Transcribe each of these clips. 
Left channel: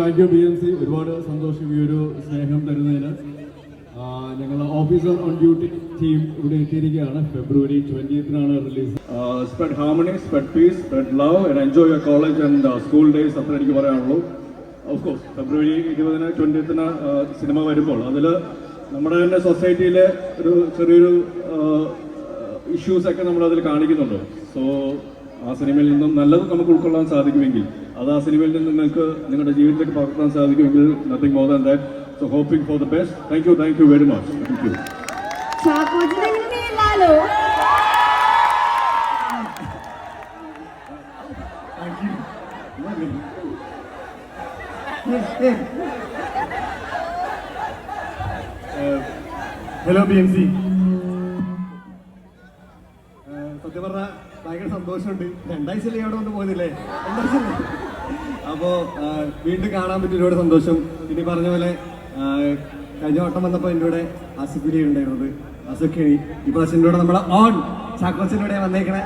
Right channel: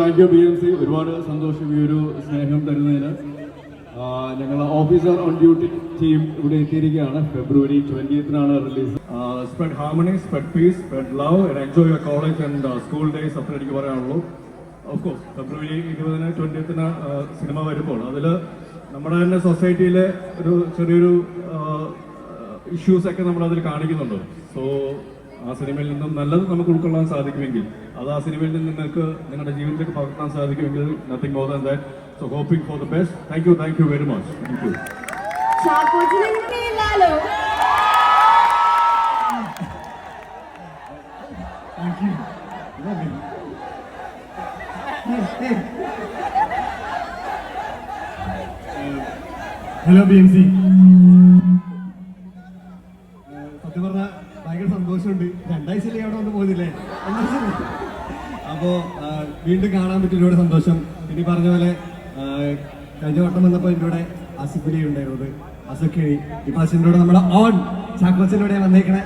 Thank you BMC. ഒരുപാട് സന്തോഷം ഈ ഒരു സ്നേഹം തരുന്നതിന്. ഞങ്ങൾ ഓഫീസർ ഓൺ ഡ്യൂട്ടി ടീം ഇവിടെ എത്തിയിരിക്കുകയാണ്. February 20th release. Spread harmony, spread peace, spread love and enjoy your college and school days. അത്ര എനിക്ക് പറയാനുള്ളൂ. Of course February 20th cinema വരുമ്പോൾ അതിൽ നമ്മുടെ തന്നെ സൊസൈറ്റിയിലെ ഒരു ചെറിയൊരു ഇഷ്യൂസൊക്കെ നമ്മളതിൽ കാണിക്കുന്നുണ്ട്. സോ ആ സിനിമയിൽ നിന്നും നല്ലത് നമുക്ക് ഉൾക്കൊള്ളാൻ സാധിക്കുമെങ്കിൽ, അത് ആ സിനിമയിൽ നിന്ന് നിങ്ങൾക്ക് നിങ്ങളുടെ ജീവിതത്തിലേക്ക് പകർത്താൻ സാധിക്കുമെങ്കിൽ, nothing more than that. So hoping for the best. Thank you very much. Thank you. Hello BMC. സത്യം പറഞ്ഞാൽ ഭയങ്കര സന്തോഷമുണ്ട്. 2 ആഴ്ചയിലേക്ക് അവിടെ ഒന്നും പോകുന്നില്ലേ? അപ്പോൾ വീണ്ടും കാണാൻ പറ്റിയ ഒരുപാട് സന്തോഷം. പിന്നെ പറഞ്ഞ പോലെ കഴിഞ്ഞ വട്ടം വന്നപ്പോൾ എൻ്റെ കൂടെ ആസിഫലി ഉണ്ടായിരുന്നത്, അസഖിണി. ഈ പ്രാവശ്യം എൻ്റെ കൂടെ നമ്മളെ ഓൺ ചാക്കോച്ചിലൂടെ വന്നേക്കണേ.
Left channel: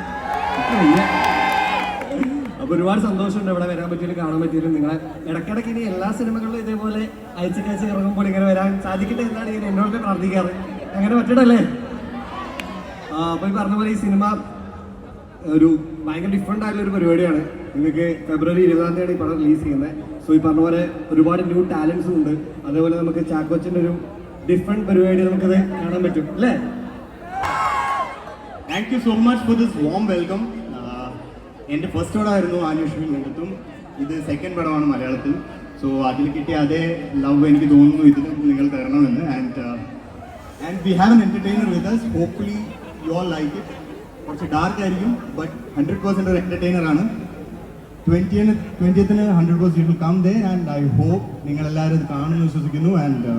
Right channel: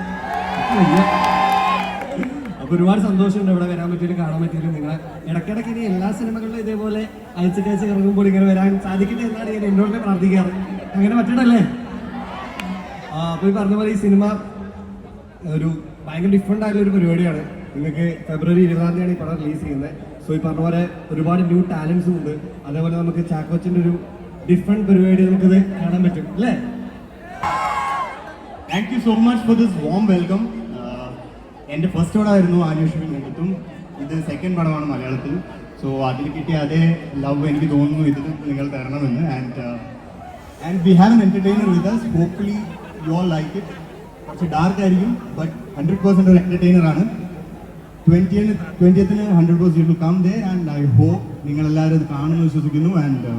അപ്പോൾ ഒരുപാട് സന്തോഷമുണ്ട് ഇവിടെ വരാൻ പറ്റിയാലും കാണാൻ പറ്റിയാലും. നിങ്ങളെ ഇടയ്ക്കിടയ്ക്ക് ഇനി എല്ലാ സിനിമകളിലും ഇതേപോലെ അയച്ചിട്ടയച്ച് ഇറങ്ങുമ്പോൾ ഇങ്ങനെ വരാൻ സാധിക്കട്ടെ എന്നാണ് ഞാൻ എന്നോട് പ്രാർത്ഥിക്കാറ്. അങ്ങനെ പറ്റണല്ലേ? അപ്പോൾ ഈ പറഞ്ഞ പോലെ ഈ സിനിമ ഒരു ഭയങ്കര ഡിഫറെൻ്റ് ആയിട്ടുള്ള ഒരു പരിപാടിയാണ്. നിങ്ങൾക്ക് ഫെബ്രുവരി 20th ഈ പടം റിലീസ് ചെയ്യുന്നത്. സോ ഈ പറഞ്ഞ പോലെ ഒരുപാട് ന്യൂ ടാലൻസും ഉണ്ട്. അതേപോലെ നമുക്ക് ചാക്കോച്ചിൻ്റെ ഒരു ഡിഫറെൻറ്റ് പരിപാടി നമുക്കത് കാണാൻ പറ്റും അല്ലേ? Thank you so much for this warm welcome. എൻ്റെ ഫസ്റ്റ് പടമായിരുന്നു ആന്വേഷണ മുഖത്തും. ഇത് സെക്കൻഡ് പടമാണ് മലയാളത്തിൽ. സോ അതിൽ കിട്ടിയ അതേ ലവ് എനിക്ക് തോന്നുന്നു ഇത് നിങ്ങൾ തരണമെന്ന്. And we have an entertainer with us. Hopefully you all like it. കുറച്ച് ഡാർക്ക് ആയിരിക്കും, ബട്ട് 100% ഒരു എൻ്റർടൈനർ ആണ്. 20th 100% you will come there and I hope നിങ്ങളെല്ലാവരും ഇത് കാണുമെന്ന് വിശ്വസിക്കുന്നു. And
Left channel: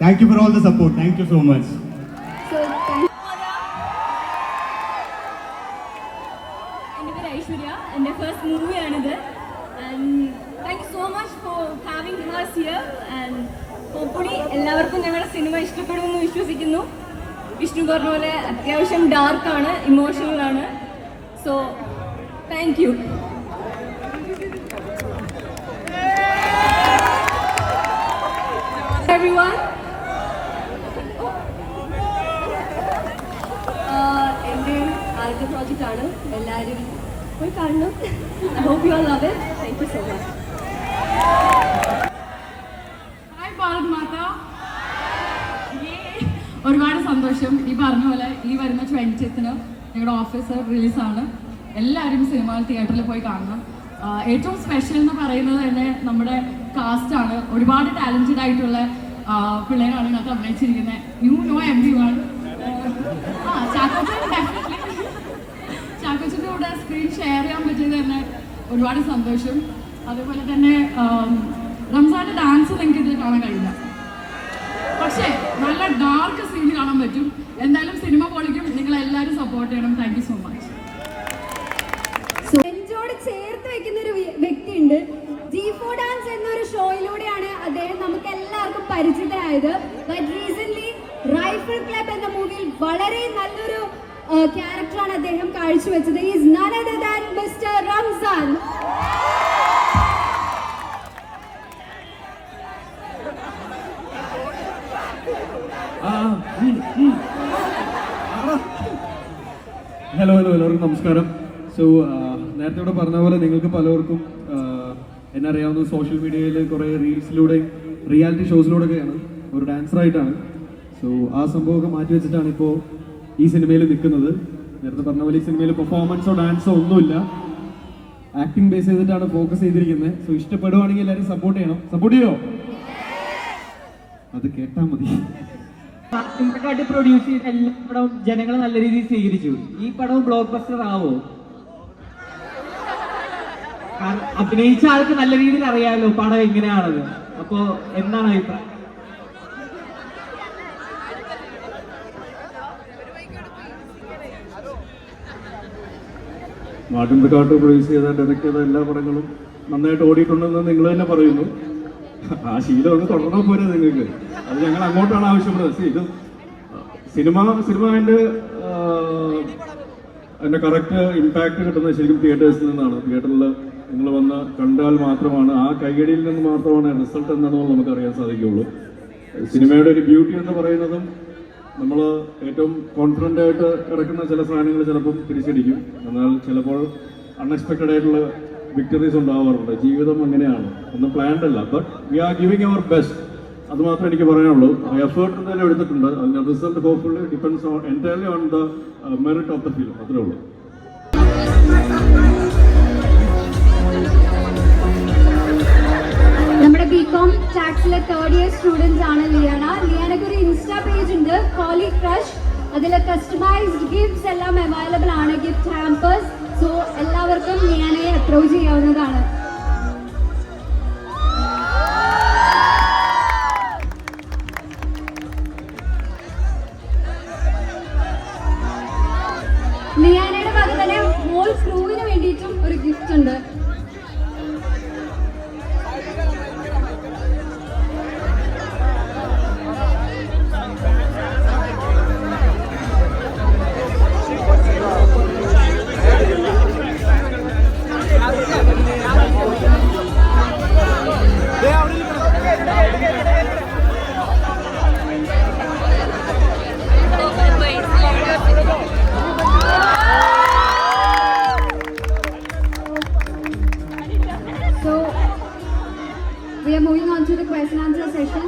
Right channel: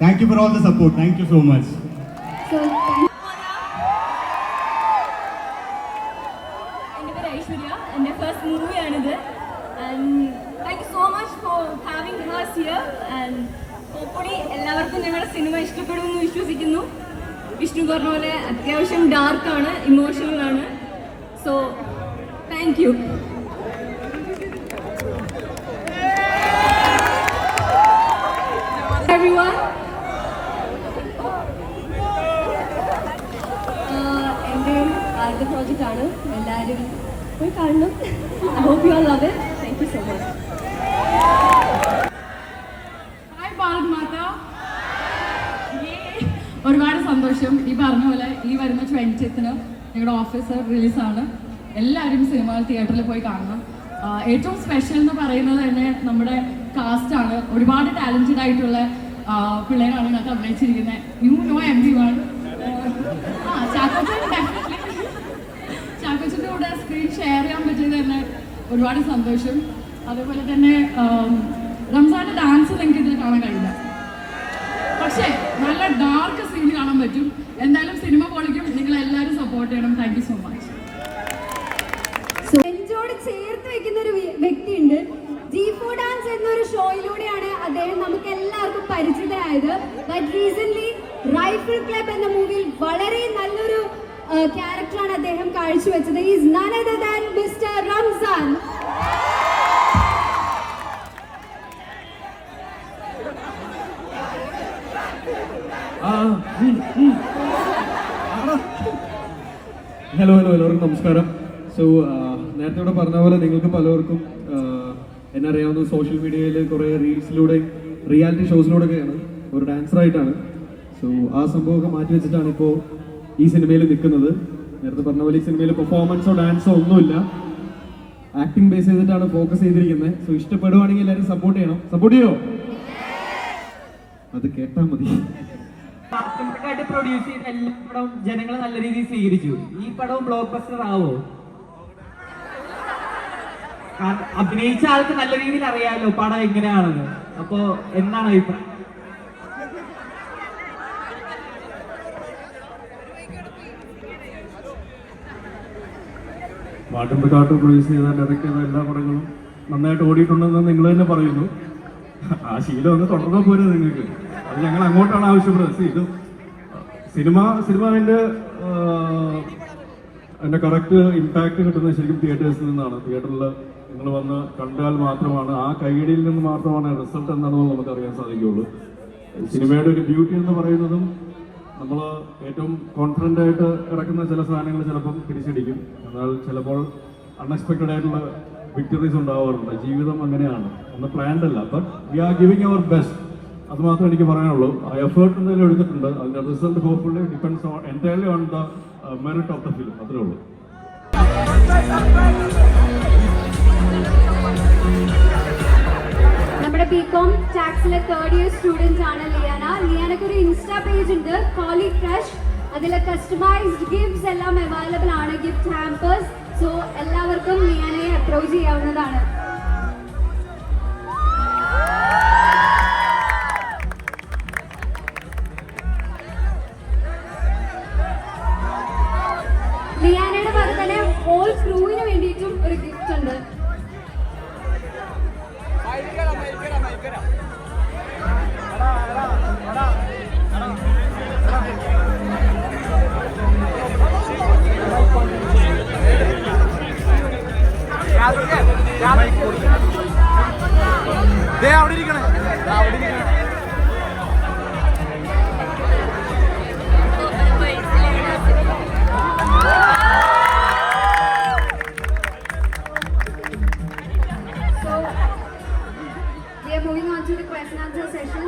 thank you for all the support. Thank you so much. Aishwarya, എൻ്റെ first മൂവിയാണിത്. And thank you so much for having hers here. And hopefully എല്ലാവർക്കും ഞങ്ങളുടെ cinema ഇഷ്ടപ്പെടുമെന്ന് വിശ്വസിക്കുന്നു. വിഷ്ണു പറഞ്ഞ പോലെ അത്യാവശ്യം ഡാർക്കാണ്, ഇമോഷണലാണ്. So thank you. Everyone. എൻ്റെ ആദ്യത്തെ പ്രോജക്റ്റാണ്. എല്ലാവരും പോയി കാണണം. I hope you all love it. Thank you so much. Hi Bharat Mata. ഒരുപാട് സന്തോഷം. ഈ പറഞ്ഞ പോലെ ഈ വരുന്ന 20th ഞങ്ങളുടെ ഓഫീസർ റിലീസാണ്. എല്ലാവരും സിനിമ തിയേറ്ററിൽ പോയി കാണണം. ഏറ്റവും സ്പെഷ്യൽ എന്ന് പറയുന്നത് തന്നെ നമ്മുടെ കാസ്റ്റാണ്. ഒരുപാട് ടാലൻറ്റഡ് ആയിട്ടുള്ള പിള്ളേരാണ് ഇതിനകത്ത് അഭിനയിച്ചിരിക്കുന്നത്. You know everyone. ചാക്കോച്ചിൻ്റെ കൂടെ സ്ക്രീൻ ഷെയർ ചെയ്യാൻ പറ്റിയത് തന്നെ ഒരുപാട് സന്തോഷം. അതേപോലെ തന്നെ റംസാൻ്റെ ഡാൻസ് നിങ്ങൾക്ക് ഇതിൽ കാണാൻ കഴിയില്ല, പക്ഷേ നല്ല ഡാർക്ക് സീൻ കാണാൻ പറ്റും. എന്തായാലും സിനിമ പൊളിക്കും. നിങ്ങൾ എല്ലാവരും സപ്പോർട്ട് ചെയ്യണം. Thank you so much. നെഞ്ചോട് ചേർത്ത് വെക്കുന്ന ഒരു വ്യക്തിയുണ്ട്. G4 ഡാൻസ് എന്നൊരു ഷോയിലൂടെയാണ് അദ്ദേഹം നമുക്ക് എല്ലാവർക്കും പരിചിതരായത്. ബട്ട് റീസെന്റ് റൈഫിൾ ക്ലബ് എന്ന മൂവിയിൽ വളരെ നല്ലൊരു ക്യാരക്ടറാണ് അദ്ദേഹം കാഴ്ചവെച്ചത്. Is none other than mister Ramzan. Hello എല്ലാവർക്കും നമസ്കാരം. സോ നേരത്തെ ഇവിടെ പറഞ്ഞ പോലെ നിങ്ങൾക്ക് പലർക്കും എന്നെ അറിയാവുന്ന സോഷ്യൽ മീഡിയയിൽ കുറേ റീൽസിലൂടെ റിയാലിറ്റി ഷോസിലൂടെയൊക്കെയാണ് ഒരു ഡാൻസറായിട്ടാണ്. സോ ആ സംഭവമൊക്കെ മാറ്റി വെച്ചിട്ടാണ് ഇപ്പോൾ ഈ സിനിമയിൽ നിൽക്കുന്നത്. നേരത്തെ പറഞ്ഞ പോലെ ഈ സിനിമയിൽ പെർഫോമൻസോ ഡാൻസോ ഒന്നുമില്ല, ആക്ടിങ് ബേസ് ചെയ്തിട്ടാണ് ഫോക്കസ് ചെയ്തിരിക്കുന്നത്. സോ ഇഷ്ടപ്പെടുവാണെങ്കിൽ എല്ലാവരും സപ്പോർട്ട് ചെയ്യണം. സപ്പോർട്ട് ചെയ്യോ? അത് കേട്ടാൽ മതി. പ്രൊഡ്യൂസ് ചെയ്ത് എല്ലാ പടവും ജനങ്ങൾ നല്ല രീതിയിൽ സ്വീകരിച്ചു. ഈ പടവും ബ്ലോക്ക് ബസ്റ്റർ ആവോ? കാരണം അഭിനയിച്ച ആൾക്ക് നല്ല രീതിയിൽ അറിയാമല്ലോ പടം എങ്ങനെയാണത്. അപ്പോ എന്താണ് അഭിപ്രായം? മാട്ടുംപിക്കാട്ട് പ്രൊഡ്യൂസ് ചെയ്ത ഡയറക്ട് ചെയ്ത എല്ലാ പടങ്ങളും നന്നായിട്ട് ഓടിയിട്ടുണ്ടെന്ന് നിങ്ങൾ തന്നെ പറയുന്നു. ആ ശീലം ഒന്ന് തുടർന്നാൽ പോരെ നിങ്ങൾക്ക്? അത് ഞങ്ങൾ അങ്ങോട്ടാണ് ആവശ്യപ്പെടുന്നത്. ഇത് സിനിമ അതിൻ്റെ കറക്റ്റ് ഇമ്പാക്ട് കിട്ടുന്നത് ശരിക്കും തിയേറ്റേഴ്സിൽ നിന്നാണ്. തിയേറ്ററിൽ നിങ്ങൾ വന്ന് കണ്ടാൽ മാത്രമാണ്, ആ കൈയടിയിൽ നിന്ന് മാത്രമാണ് റിസൾട്ട് എന്താണെന്ന് നമുക്ക് അറിയാൻ സാധിക്കുകയുള്ളൂ. സിനിമയുടെ ഒരു ബ്യൂട്ടി എന്ന് പറയുന്നതും നമ്മൾ ഏറ്റവും കോൺഫിഡൻ്റ് ആയിട്ട് കിടക്കുന്ന ചില സാധനങ്ങൾ ചിലപ്പോൾ തിരിച്ചടിക്കും, എന്നാൽ ചിലപ്പോൾ അൺഎക്സ്പെക്റ്റഡ് ആയിട്ടുള്ള വിക്ടറീസ് ഉണ്ടാവാറുണ്ട്. ജീവിതം അങ്ങനെയാണ്, ഒന്നും പ്ലാൻഡ് അല്ല. But we are giving our best, അത് മാത്രമേ എനിക്ക് പറയാനുള്ളൂ. ആ എഫേർട്ട് എന്തായാലും എടുത്തിട്ടുണ്ട്, അതിൻ്റെ result hopefully depends on entirely on the merit of the film, അത്രേ ഉള്ളൂ. നമ്മുടെ ബികോം ടാക്സിലെ 3rd ഇയർ സ്റ്റുഡൻറ് ആണ് ലിയാന. ലിയാനക്ക് ഒരു ഇൻസ്റ്റാ പേജ് ഉണ്ട്, കോളി ക്രഷ്. അതിൽ കസ്റ്റമൈസ്ഡ് ഗിഫ്റ്റ്സ് എല്ലാം അവൈലബിൾ ആണ്, ഗിഫ്റ്റ് ഹാമ്പേഴ്സ്. സോ എല്ലാവർക്കും ലിയാനയെ അപ്രോച്ച് ചെയ്യാവുന്നതാണ്. ലിയാനയുടെ ഭാഗത്ത് തന്നെ ഹോൾ ക്രൂവിന് വേണ്ടിയിട്ടും ഒരു ഗിഫ്റ്റ് ഉണ്ട്. We are moving on to the question answer session.